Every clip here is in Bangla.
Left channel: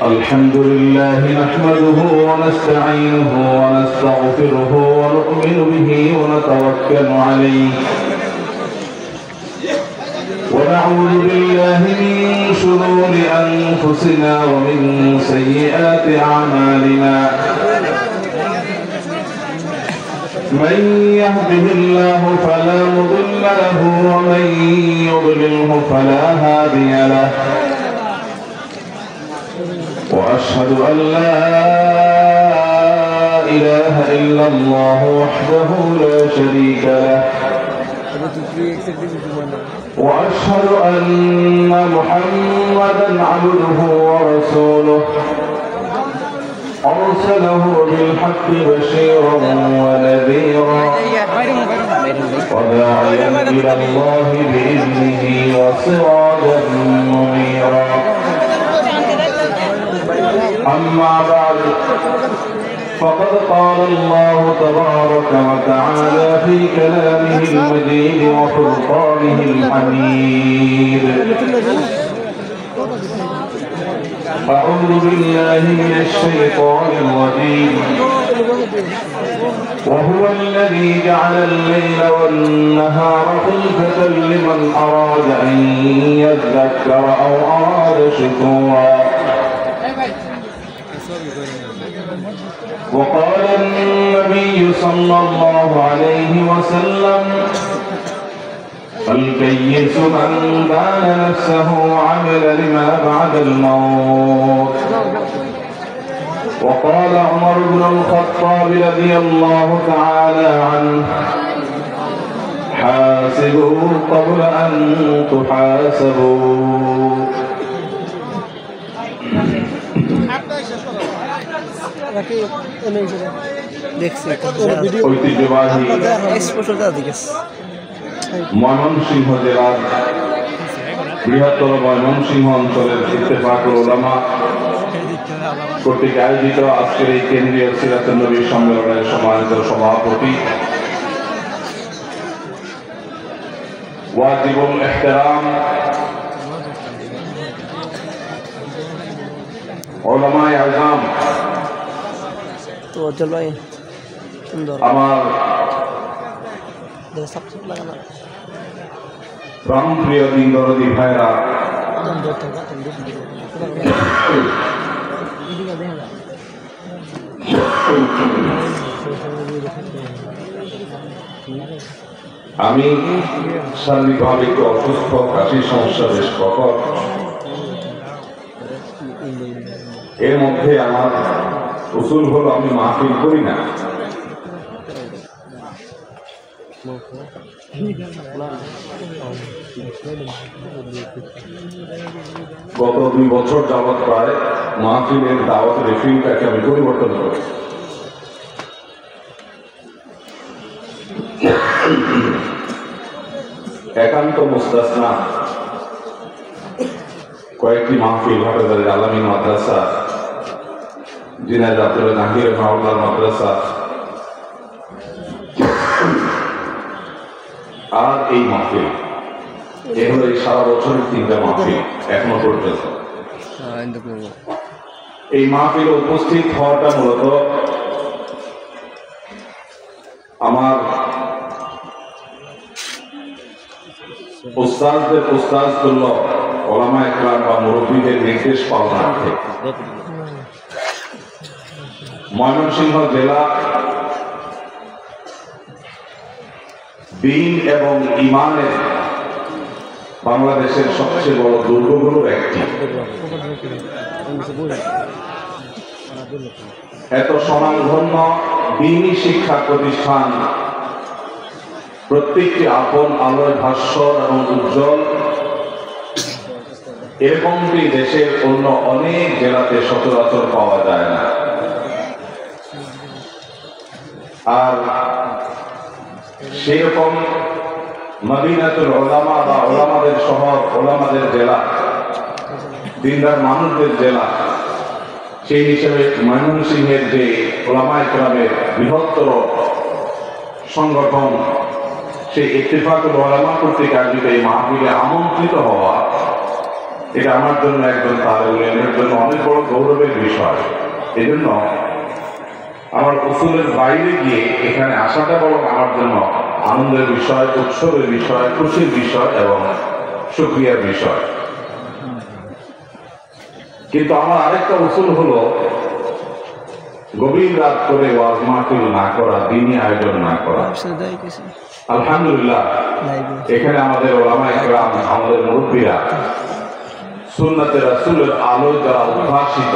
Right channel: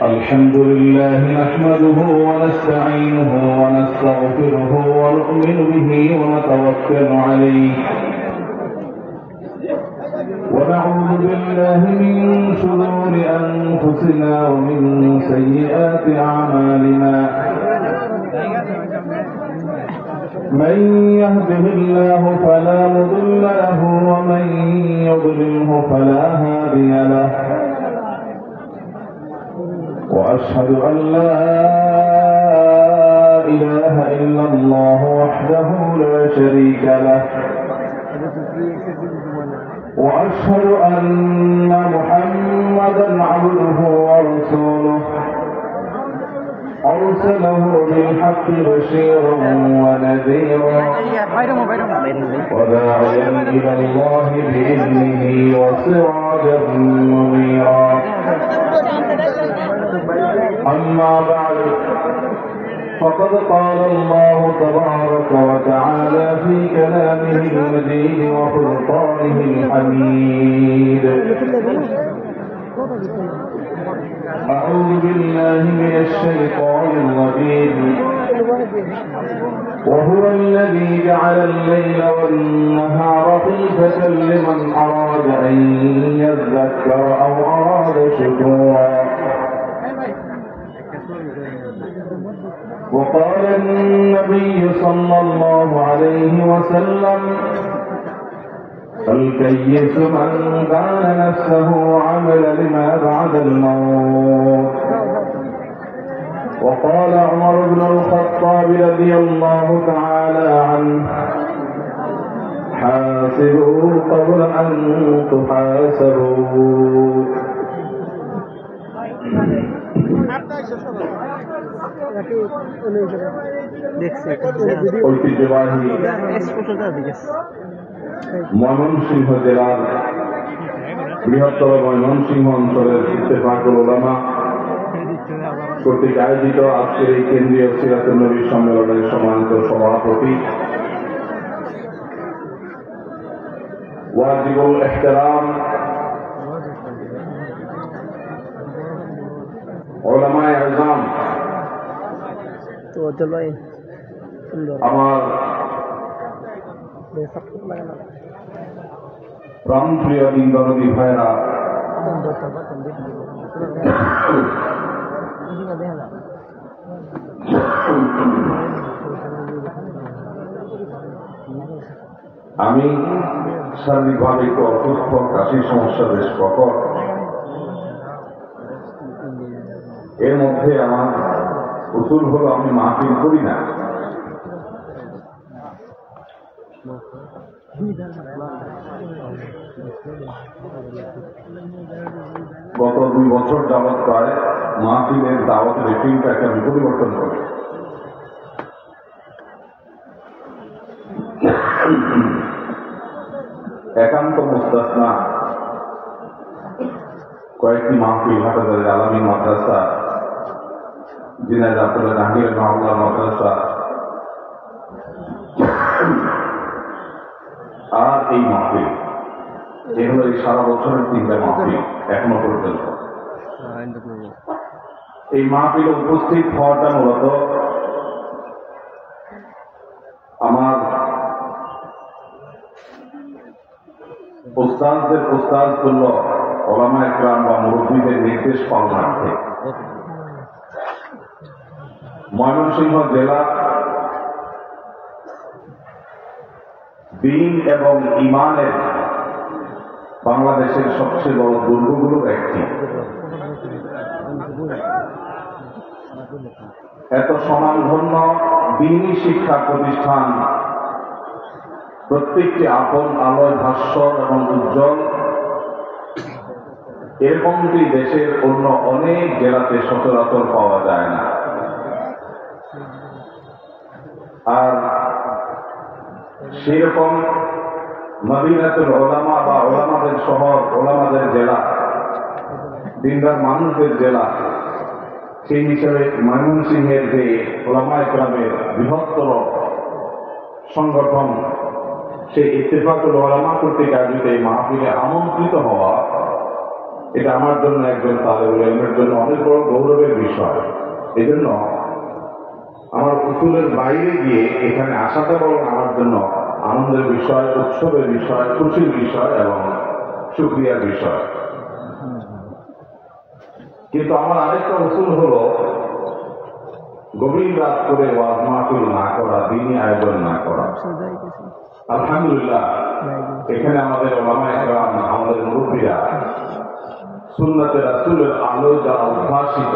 الحمد لله نحمده ونستعينه ونستغفره ونؤمن به ونتوكل عليه ونعوذ بالله من شرور أنفسنا ومن سيئات أعمالنا من يهده الله فلا مضل له ومن يضلله فلا هادي له وأشهد أن لا إله إلا الله وحده لا شريك له وأشهد أن محمدا عبده ورسوله أرسله بالحق بشيرا ونذيرا وداعيا إلى الله بإذنه وسراجا منيرا أما بعد فقد قال الله تبارك وتعالى في كلامه المجيد وفرقانه الحميد أعوذ بالله من الشيطان الرجيم وهو الذي جعل الليل والنهار خلفة لمن أراد أن يذكر أو أراد شكورا وقال النبي صلى الله عليه وسلم الكيس من دان نفسه وعمل لما بعد الموت وقال عمر بن الخطاب رضي الله تعالى عنه حاسبوا قبل أن تحاسبوا ঐতিহ্যবাহী ময়মনসিংহ জেলার বৃহত্তর ময়মনসিংহ অঞ্চলের ইত্তেফাকুল উলামা কর্তৃক আয়োজিত আজকের এই কেন্দ্রীয় সিরাতুন নবী সম্মেলনের সম্মানিত সভাপতি ওয়াজিবুল ইহতিরাম উলামায়ে আযম আমার প্রাণপ্রিয় দিনদরদী ভাইরা, আমি শারীরিকভাবে একটু অসুস্থ, কাশির সমস্যা বেশ প্রকট। এর মধ্যে আমার উসুল হলো আমি মাহফিল করি না। গত 2 বছর যাবৎ প্রায় মাহফিলের দাওয়াত রেফিংটাকে আমি পরিবর্তন করি। একান্ত মুস্তাসনা কয়েকটি মাহফিল হাটাজারি আলামী মাদ্রাসা, ঝিনাইদহ জাহাঙ্গীর মাওলানা মাদ্রাসা আর এই মাহফিল, এগুলো এই সারা বছরের 3টা মাহফিল এখনো পর্যন্ত। এই মাহফিলে উপস্থিত হওয়াটা মূলত আমার উস্তাদদের উস্তাদ তুল্য ওলামা ইকরাম বা মুরব্বীদের নির্দেশ পালনার্থে ময়মনসিংহ জেলা দ্বীন এবং ঈমানের বাংলাদেশের সবচেয়ে বড় দুর্গগুলোর একটি। এত স্বনামধন্য দ্বীনি শিক্ষা প্রতিষ্ঠান প্রত্যেকটি আপন আলোয় ভাস্বর এবং উজ্জ্বল, এরকমটি দেশের অন্য অনেক জেলাতে সচরাচর পাওয়া যায় না। আর সেই রকম মদিনাতুল উলামা বা ওলামাদের শহর, ওলামাদের জেলা, দিনদার মানুষদের জেলা, সেই হিসেবে ময়মনসিংহের যে ওলামা ইকরামের বৃহত্তর সংগঠন, সেই ইত্তেফাকুল উলামা কর্তৃক আয়োজিত এই মাহফিলে আমন্ত্রিত হওয়া এটা আমার জন্য একজন তালেবুল ইলমের জন্য অনেক বড় গৌরবের বিষয়। এজন্য আমার উসুলের বাইরে গিয়ে এখানে আসাটা বড় আমার জন্য আনন্দের বিষয়, উৎসবের বিষয়, খুশির বিষয় এবং শুকরিয়ার বিষয়। কিন্তু আমার আরেকটা উসুল হলো গভীর রাত করে ওয়াজ মাহফিল না করা, দিনী আয়োজন না করা। আলহামদুলিল্লাহ এখানে আমাদের ওলামায়ে কেরাম, আমাদের মুরব্বীরা সুন্নাতে রাসূলের আলো যারা উদ্ভাসিত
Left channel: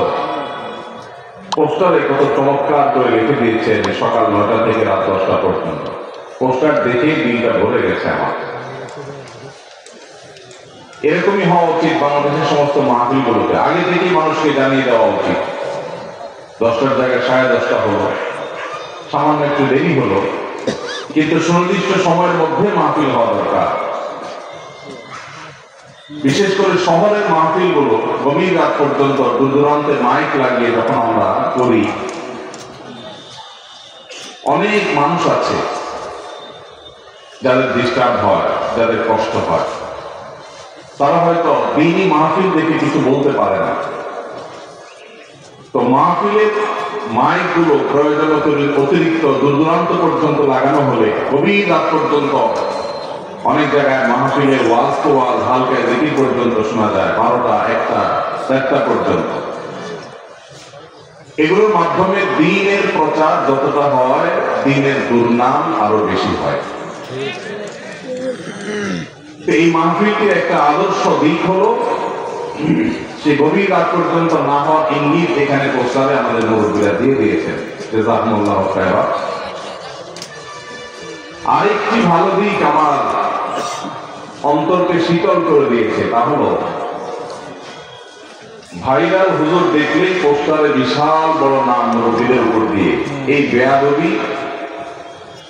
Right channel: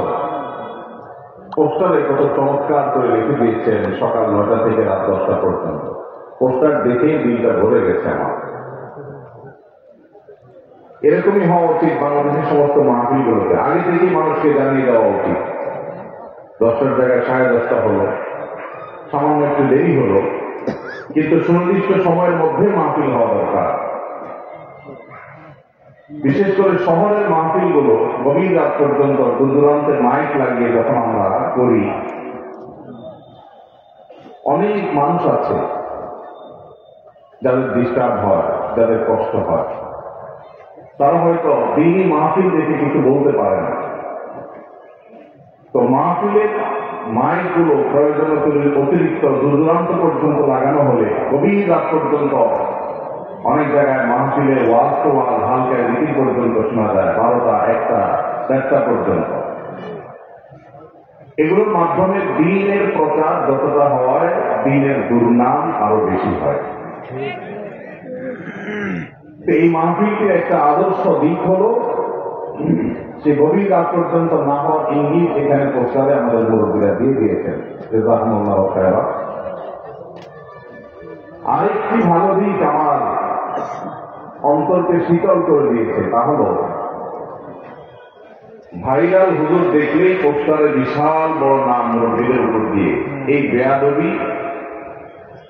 পোস্টারে কত চমৎকার করে লিখে দিয়েছেন সকাল 9টা থেকে রাত 10টা পর্যন্ত। পোস্টার দেখেই দিনটা ভরে গেছে আমার। এরকমই হওয়া উচিত বাংলাদেশের সমস্ত মাহফিলগুলোতে। আগে থেকেই মানুষকে জানিয়ে দেওয়া উচিত। 10টার জায়গায় 10:30 হলো, সামান্য একটু দেরি হলো, কিন্তু সুনির্দিষ্ট সময়ের মধ্যে মাহফিল হওয়া দরকার। বিশেষ করে শহরের মাহফিলগুলো গভীর রাত পর্যন্ত দূর দূরান্তে মাইক লাগিয়ে যখন আমরা করি, অনেক মানুষ আছে যাদের ডিস্টার্ব হয়, যাদের কষ্ট হয়। তারা হয়তো দিনই মাহফিল দেখে কিছু বলতে পারে না। তো মাহফিলের মাইকগুলো প্রয়োজনের অতিরিক্ত দূর দূরান্ত পর্যন্ত লাগানো হলে গভীর রাত পর্যন্ত অনেক জায়গায় মাহফিলের ওয়াজ তো ওয়াজ, হালকা জিকির পর্যন্ত শোনা যায়, 12টা, 1টা, 4টা পর্যন্ত। এগুলোর মাধ্যমে দ্বীনের প্রচার যতটা হয়, দ্বীনের দুর্নাম আরো বেশি হয়। এই মাহফিলটির একটা আদর্শ দিক হলো সে গভীর রাত পর্যন্ত না হওয়ার ইঙ্গিত এখানে পোস্টারে আমাদের মুরব্বীরা দিয়ে দিয়েছেন। জাযাকুমুল্লাহু খায়রা। আরেকটি ভালো দিক আমার অন্তরকে শীতল করে দিয়েছে, তা হলো ভাইরাল হুজুর দেখলেই পোস্টারে বিশাল বড় নাম মুরব্বীদের উপর দিয়ে। এই বেয়াদবি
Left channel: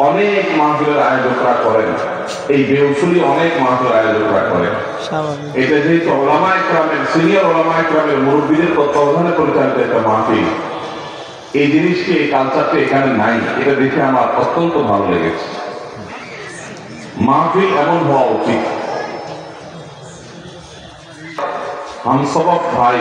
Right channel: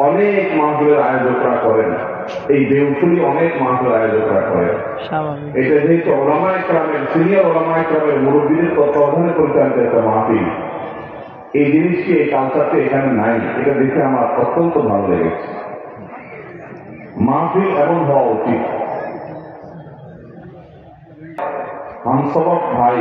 অনেক মাহফিলের আয়োজকরা করেন, এই বেউসুলি অনেক মাহফিলের আয়োজকরা করেন। এটা যেহেতু ওলামায়ে কেরামের, সিনিয়র ওলামায়ে কেরামের মুরব্বীদের তত্ত্বাবধানে পরিচালিত একটা মাহফিল, এই জিনিসটি, এই কালচারটা এখানে নাই। এটা দেখে আমার অত্যন্ত ভালো লেগেছে। মাহফিল এমন হওয়া উচিত। হামসবক ভাই